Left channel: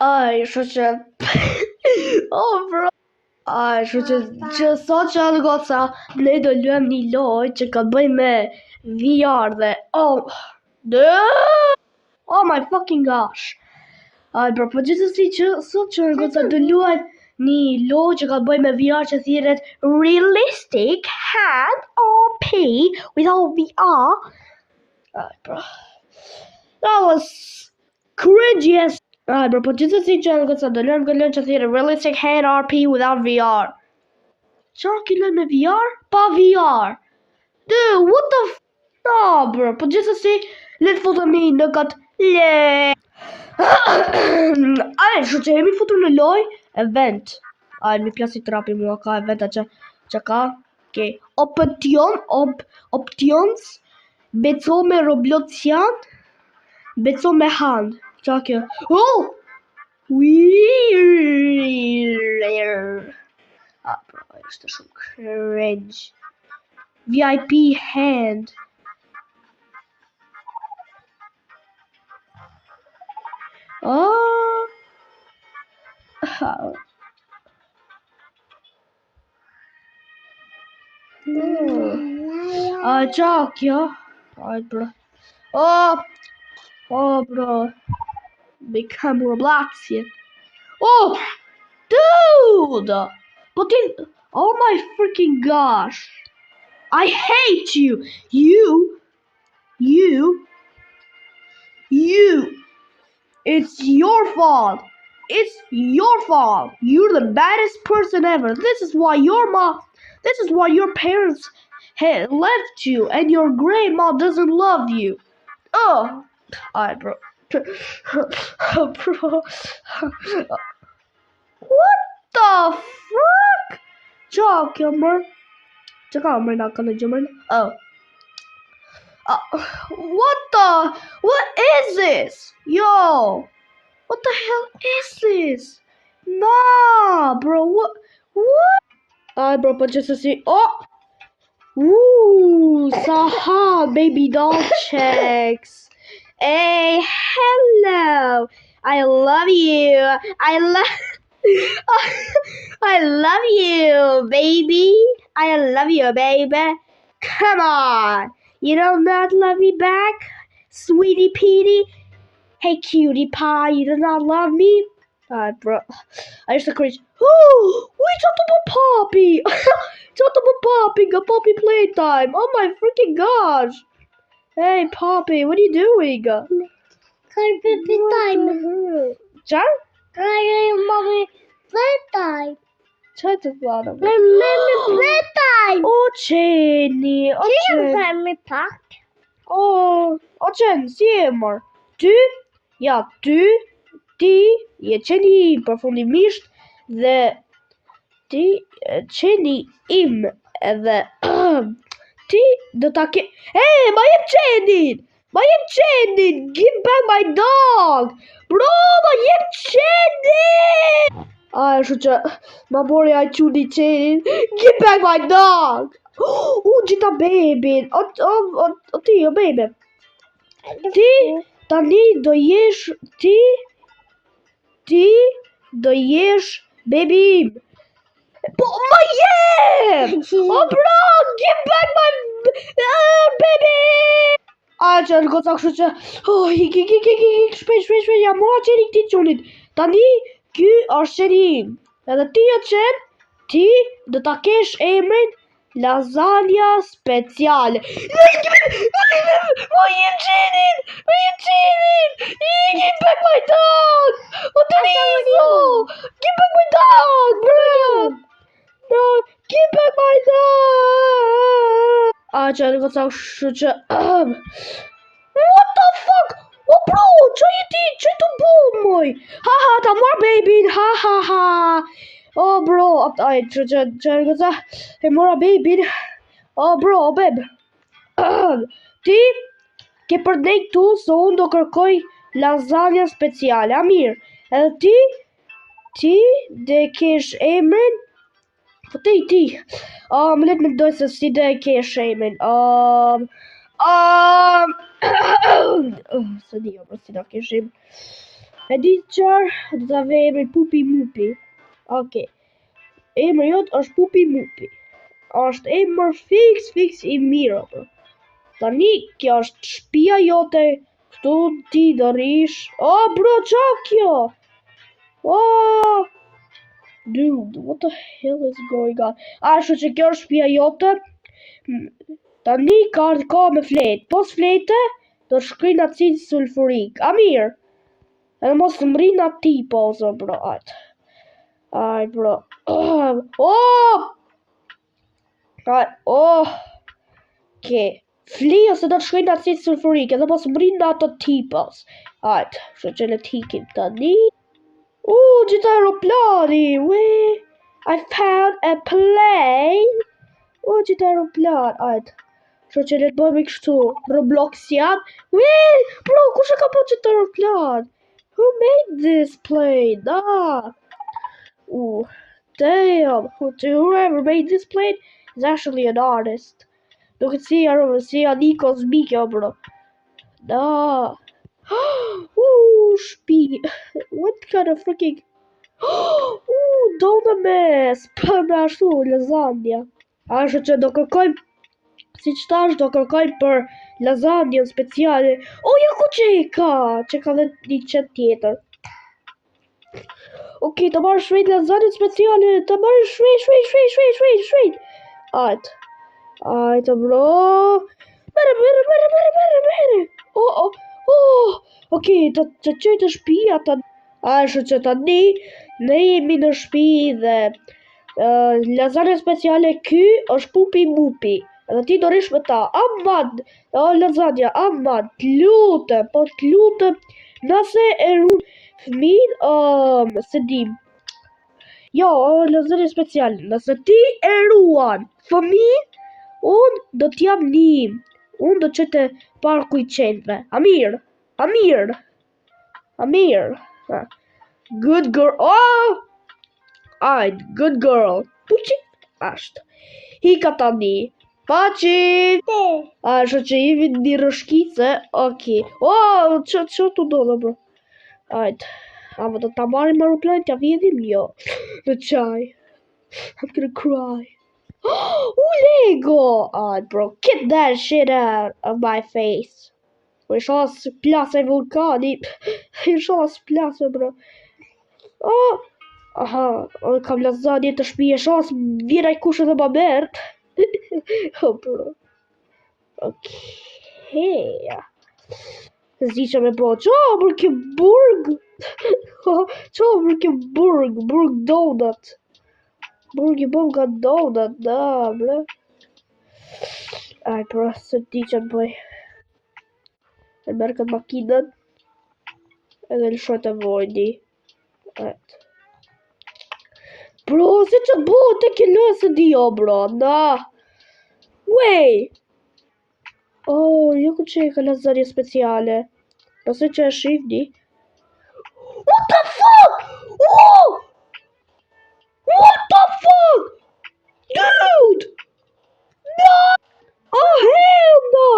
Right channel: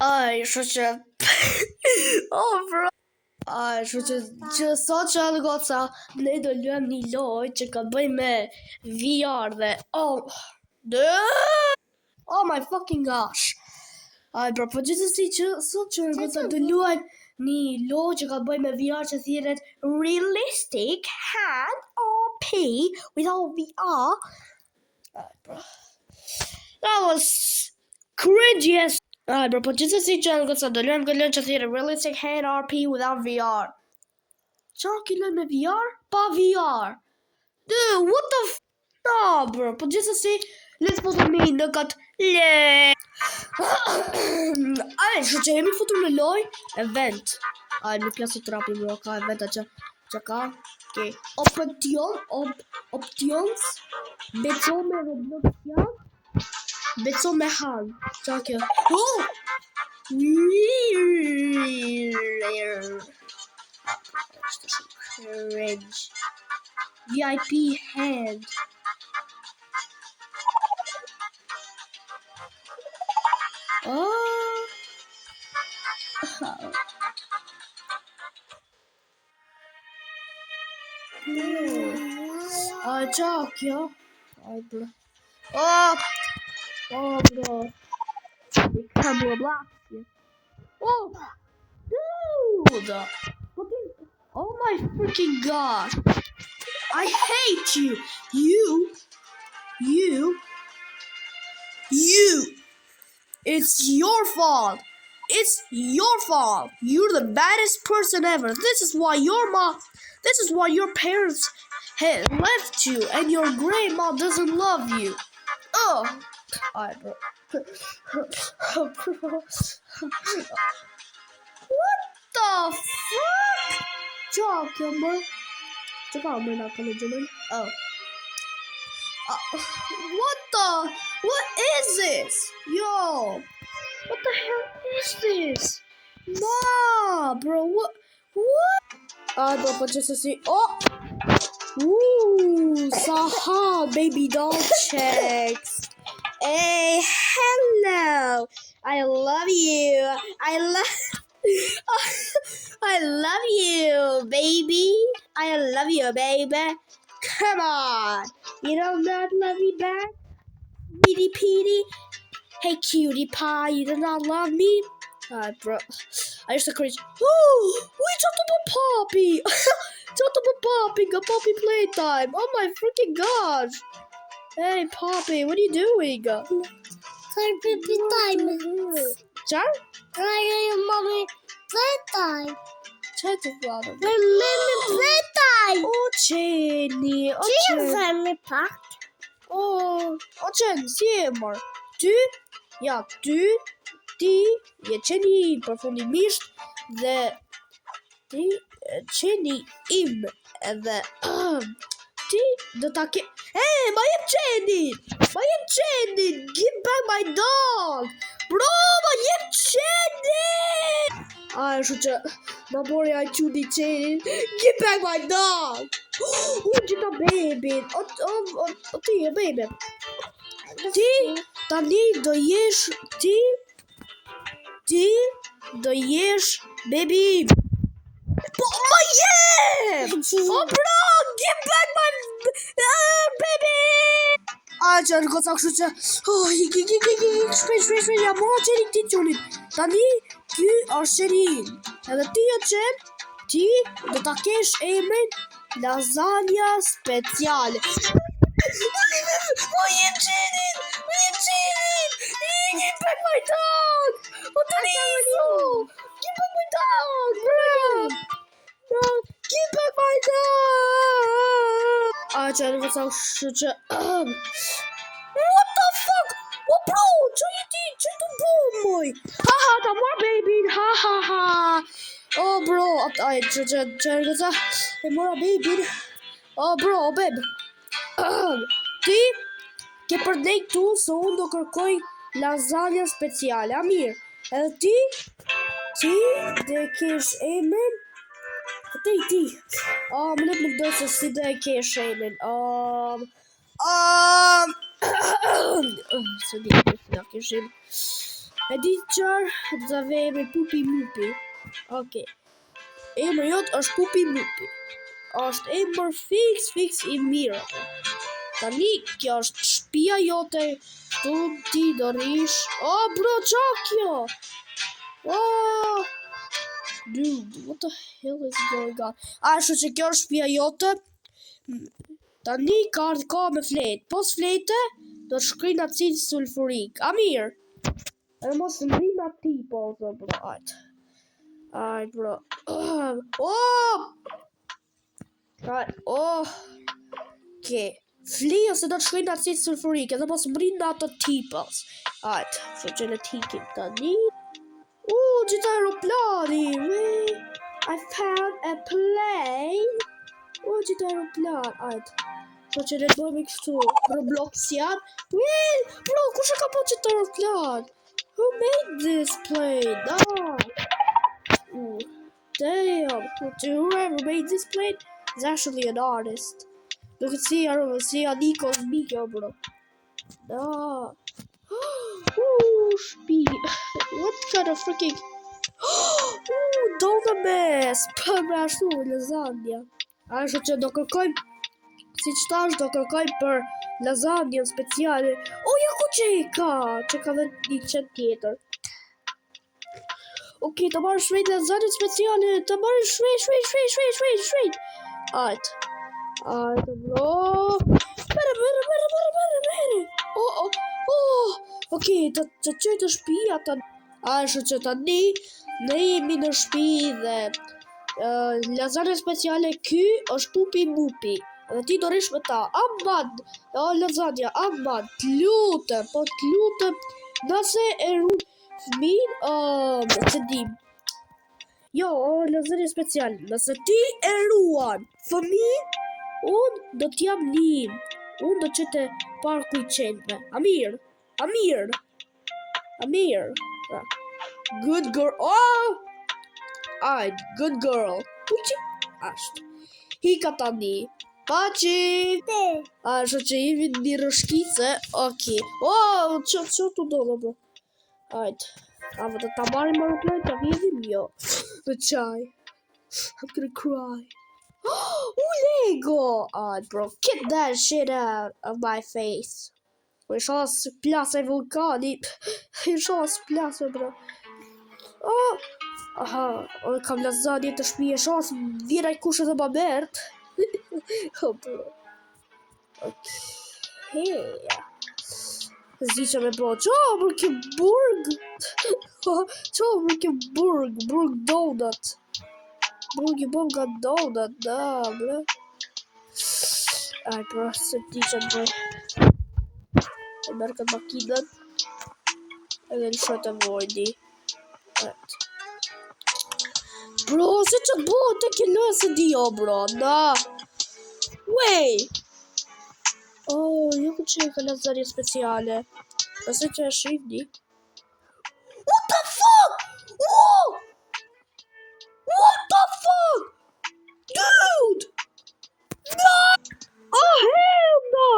Aj, shu që... Oh, bro. Aj, shu që sot që anë goca, ne do luem një loj që ka bëj me VR dhe... Oh my fucking gosh. Aj, bro, po gjithësësi që sot që anë goca do luem një loj që ka bëj me VR që thirret Realistic Hand RP without VR. Aj, bro. That was cringy as... Aj, bro, po gjithësësi që anë goca do luem këtë loj që thirret Realistic Hand RP without VR. Çfarë ke lënë me VR? Pa VR. Dude, what the f... Oh, bro, po gjithësësi, let's put on në kat le. Aj, shu që jemi futur në loj event. Aj, mi plasi trapi mua ka event që ka ke options beco me Robloxian, beco me hand. Qa kjo? Oh! Ishte shumë cringe. VIP hand. Oh. Qa kjo? Aj, bro. Oh, bro. Become Roblox here. Oh, dude! But oh my freaking gosh! I hate you! You! It's your fault! It's your fault! You're the baddest person ever! This is why your parents left you and your grandma doesn't love you! Oh! Alright, bro. Bro. What the fuck? Qa kjo mër? Që ka mër nga këllë gjëmër? Oh. What is this? Yo. What the hell is this? Nah, bro. What? Alright, bro, po gjithësësi. Oh. Ooh, Saha, baby doll checks. Hey, hello. I love you. I love you, baby. I love you, baby. Come on. You don't not love me back, sweetie Petey? Hey, cutie pie, you do not love me? Alright, bro. I used to cringe. Oh, we talked about Poppy. Talked about Poppy. Got Poppy playtime. Oh my freaking gosh. Hey, Poppy, what are you doing? Playtime. Qa? Mommy, playtime. Qa të vlada? Mommy, playtime. O, qeni. O, qeni. Family pack. O, qeni, si e mërë? Ty? Ja, ty, ti, je qeni përfundimisht dhe ti, qeni im edhe ti do ta ke... Hey, ma jem qenin! Ma jem qenin! Give back my dog! Bro, ma jem qenin! Aj, shu që ma mori aj quni qenin. Give back my dog! Gjitha bebin. O ti, o bebe. Ti, tani do jesh... Ti do jesh bebi. Po, ma jem! Oh, bro, give back my baby! Aj, që në goca kështu që... Oh, shpejt, ja mora qeni këti qunit. Tani, ky është qeni im. Edhe ti o qen, ti do ta kesh emrin Lasagna speciale. Ma jem qenin! Give back my dog! O të rizo! Give back my dog, bro! Bro, give back my dog! A që në goca kështu që... What the fuck? Oh, bro, që je ti? Që të bu, moj? Ha, ta marr babyn, ha. Oh, bro, aj, që në goca e mora babyn. Oh, bro, babe. Ti ke përdej këtu, so unë do kërkoj lasagna speciale, a mirë. Edhe ti dhe kesh emrin. Ti. Më let me do se si dhe kesh emrin. Se di, këtina keshim. E di qarë, do të ave emri Pupi Mupi. Okej. Emri jot është Pupi Mupi. Është emër fix i mirë atë. Tani, kjo është shtëpia jote. Tu ti do rish. Oh, bro, qa kjo? Oh, dude, what the hell is going on? Ashtu që kjo është shtëpia jote. Tani ka me fletë. Pos flete, do shkrin acid sulfurik. A mirë. E mos të mrin ati, po, zë, bro. Aj, bro. Oh! Okay. Fli ose do të shkojnë në acid sulfurik, edhe mos mrin në ato tipës. Ajt, që në tikim tani. Gjitha aeroplani, I found a plane. Gjitha aeroplan, ajt. Që le të bëjmë kështu, Roblox jam. Bro, kush e ka po gjitha aeroplan? Who made this plane? Damn, whoever made this plane is actually an artist. Look at see Nikos Mikko, bro. Speed. What kind of freaking... Donames! Për me ashtu, lasagna. Ashtu që do kërkojmë, si që tash do kërkojmë për lasagna speciale. Ja ku që e ka? Që ka dhe një qëtë tjetër. Okej, të marrë shvejt lasagna speciale. Të marrë shvejt. Ajtë, bro. Mere. Okej, të qëjtë shpia të... Ashtu që të ne jemi në shpi dhe lasagna speciale ky është Pupi Mupi. Dhe ti do rish me ta. Amad, lasagna, amad, t'lutem, nëse e runë fëmin, se dim. Jo, lasagna speciale, nëse ti e ruan fëmin, unë do t'jam lim. Unë do qëte parku I qenve. Amir. Good girl. Good girl. Puqi. Ashtë. Hika tani. Paci. Ashtë që jemi një rëshkice. Okej. Që të do dhe bro. Ajtë. A vë të ta marim aeroplane të vjedhim? Jo. Në qaj. I'm gonna cry. Lego! Bro, get that shit out of my face. Shoh plasa I vulkani. Shoh plasa, bro. Kam lasagna të shpije. Shoh vira I kush edhe ma mert. Bro. Okej. Zi që me po. Qa bro ke burg? Qa bro ke burg? Burg donut. Burgi bom ka donut, bro. Aj, bro, se ti që të bëj. E merë këtë makinën. Edhe lëshoj të vojni. Bro, se që të bëj, te ke nësë dio, bro, jo ku që e ka lasagna speciale. Nëse që e shifni. What the fuck? What the fuck? Dude! No! Hell no!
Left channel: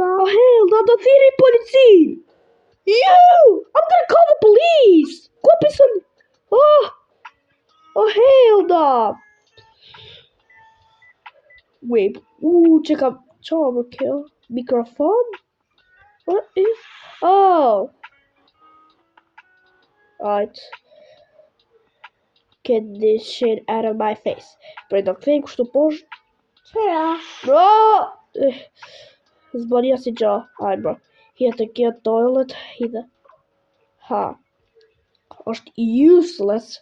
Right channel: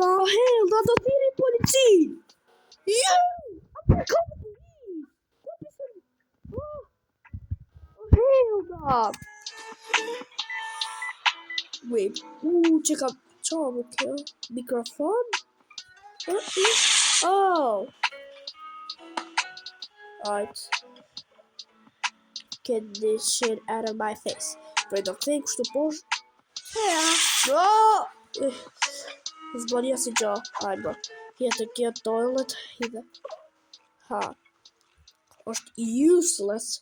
Oh hell no! The thiri policin! I'm gonna call the police! Kupi some... Oh hell no! Wait. Check out... Charmer kill. Microphone? What is... Alright. Get this shit out of my face. Prej do këthejmë kështu poshtë. Bro! Zbania si gjo. Aj, bro. Hjetë të kjo toilet. Hidhe. Është useless.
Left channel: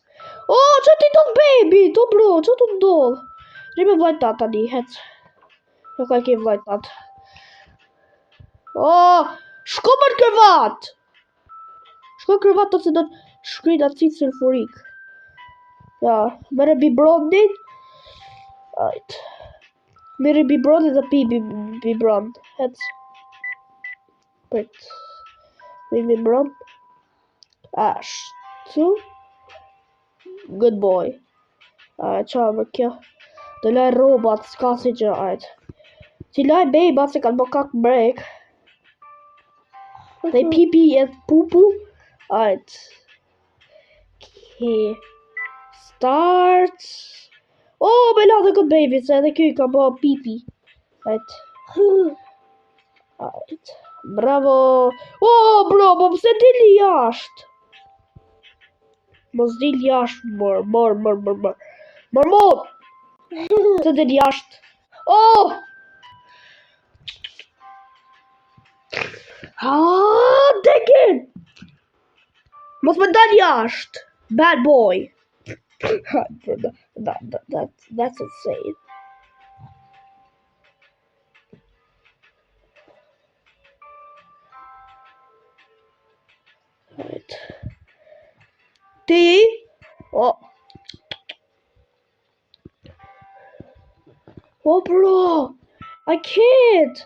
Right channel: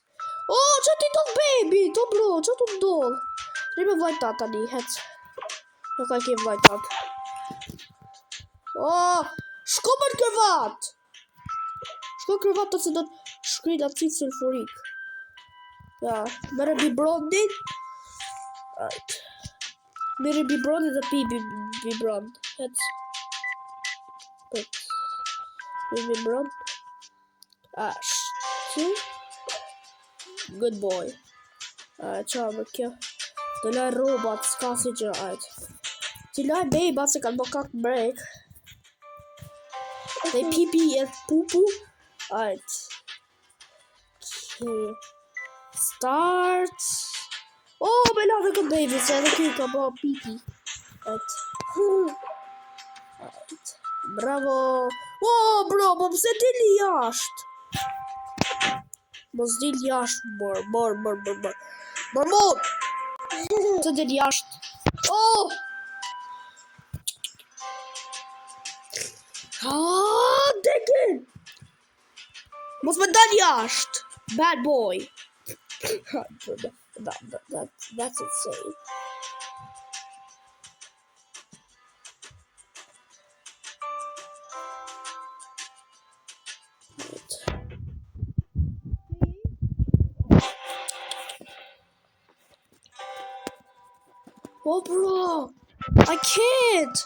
Që ti do baby? Bro, që tu ndodh? Rime vajtat tani, hec. Në ka kemë vajtat. Shko më në kërvat! Shko në kërvat të se do të shkrin acid sulfurik. Mere bibrondin. Mere bibrondin dhe pi bibrond. Hec. Prit. Bibrond. Ashtu. Good boy. Qa më kjo. Të laj robot, s'ka si gjë. Ti laj bejba se kanë bo kak break. Dhe pipi e pupu. Alright. Okay. Start. Oh, me la dhe këtë baby, se edhe kjo ka bo pipi. Alright. Alright. Bravo. Oh, bro, po pse dili jashtë? Mos dil jashtë, mor. Pse dili jashtë? Oh! Degin! Mos më dal jashtë. Bad boy. That's insane. Right. Ti? Oh. Oh, bro. I can't.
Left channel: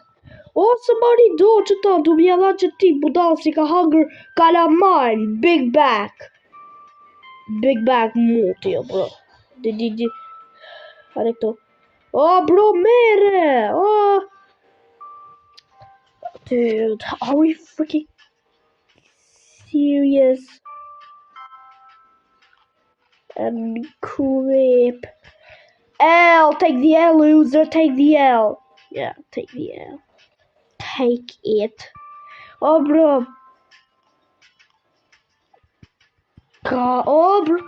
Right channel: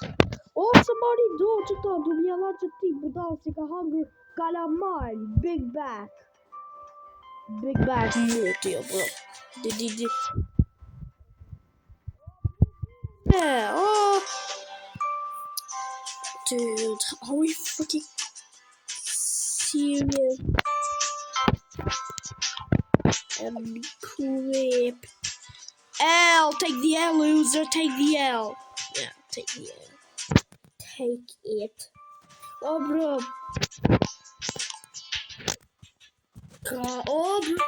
Oh, somebody do që ta. Du mja dha që ti budal si ka hangër kalamar. Big back. Big back muti, bro. Di. Hare këto. Oh, bro, mere. Oh. Dude, are we freaking serious? And crap. L, take the L, loser. Take the L. Yeah, take the L. Take it. Oh, bro. God, oh, bro.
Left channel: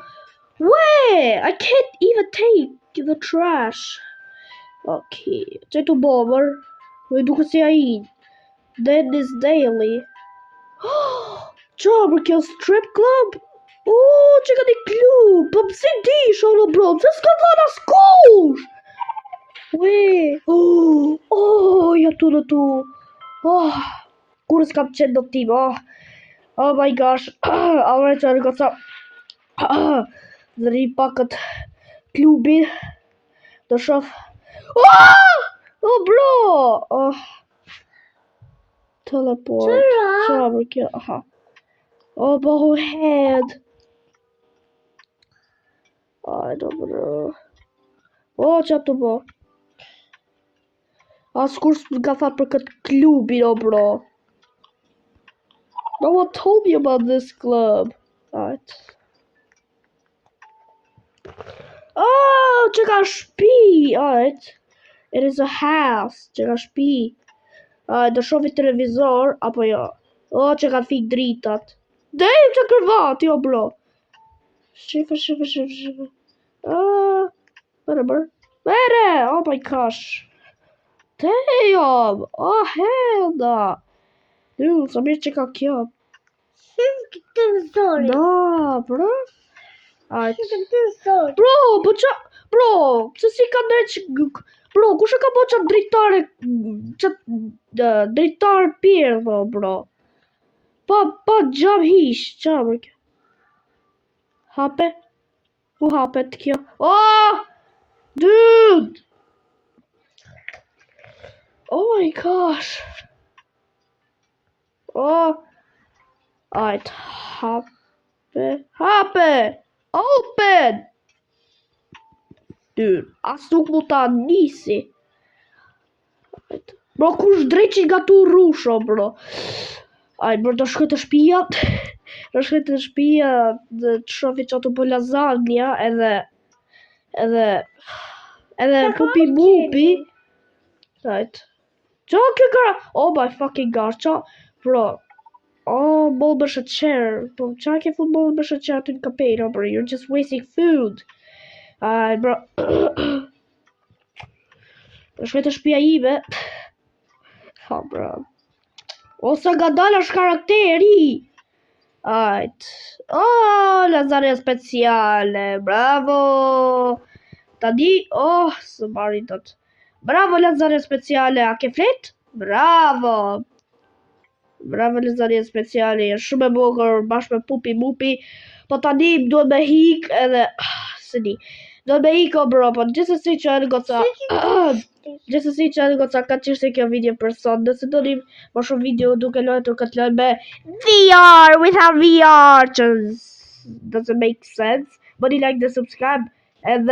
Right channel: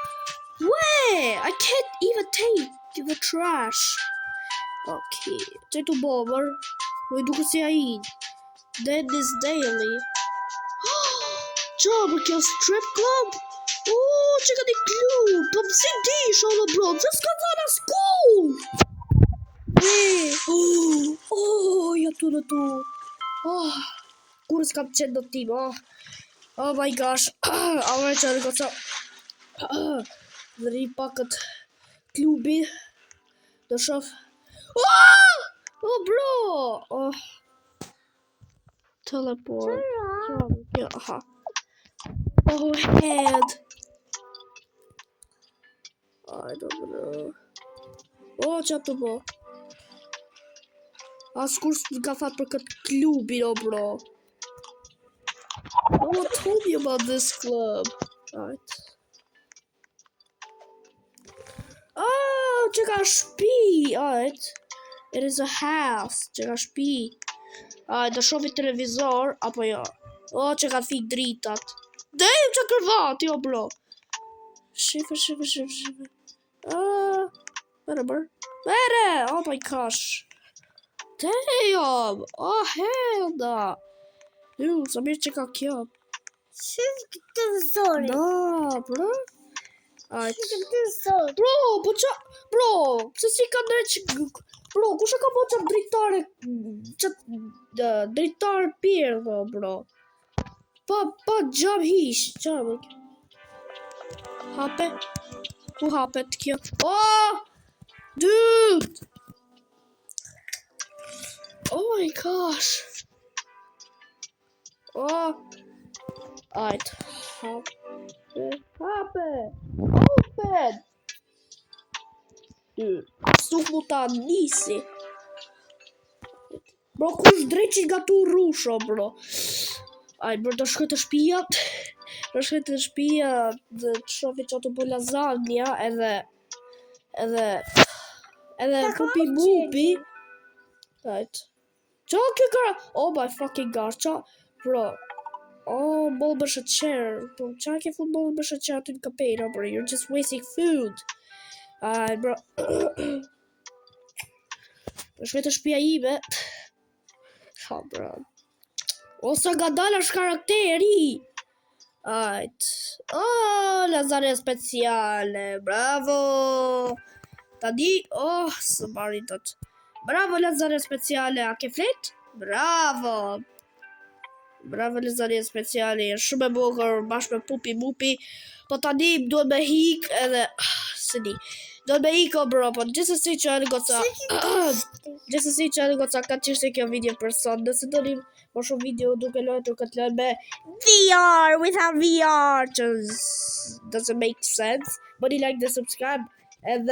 Wait, I can't even take the trash. Okay, take the bomber. We do see I Then this daily. Job kill strip club. Oh, check out the club. Pop CD, show the bro. Just go to the school. Wait. Oh, ja tu. Oh, kur s'kam qenë do tim. Oh my gosh. Alright, I got some. Dhe pakët klubi. Do shof. Oh, bro. Oh. Teleport. Shower kill. Aha. Oh, bro, head. I don't know. Oh, qap të bo. Askur s'ka fa për këtë klubi, oh, bro. No one told me about this club. Alright. Oh, që ka shpi. Alright. It is a house. Që ka shpi. Alright, do shofi televizor. Apo jo. Oh, që ka fik dritat. Damn, që kërvat, jo, bro. Shifa. Oh, Mere. Oh my gosh. Damn. Oh, hell no. Dude, sa mirë që ka kjo. Shifë këtë zori. No, bro. Alright. Shifë këtë zori. Bro, po qa... Bro, se si ka drejt që... Bro, kushe ka po qatë dritare... Qatë dritare pirë, bro. Pa gjab hish. Gjabër kjo. Hape. Ku hapet kjo? Oh! Dude! Oh my gosh. Oh. Alright. Hape. Open! Dude, asuk mu ta nisi. Bro, kush drejt që nga tu rusho, bro. Aj, bro, do shkoj të shpia. Do shkoj të shpia dhe të shofi që ato për lasagna edhe pupi mupi. Right. Qa kjo kara? Oh my fucking gosh, qa? Bro. Oh, ball bësh a chair. Bro, qa ke fut ball bësh a chair të në kapejra, bro? You're just wasting food. Aj, bro. Do shkoj të shpia ime. Ha, bro. Ose nga dalë është karakteri. Ajt. Oh, lasagna speciale. Bravo. Tani, oh, së marin tot. Bravo, lasagna speciale. A ke flet? Bravo. Bravo, lasagna speciale. Shumë e bukur bashkë me pupi mupi. Po tani duhet me hik edhe... Së di. Do me hiko, bro, po gjithsesi që e në goca... Gjithsesi që e në goca ka qishtë kjo video për sot. Nëse do një më shumë video duke lojtë këtë lojtë me VR, without VR, just doesn't make sense. But you like the subscribe, and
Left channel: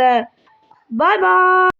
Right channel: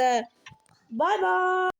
bye bye!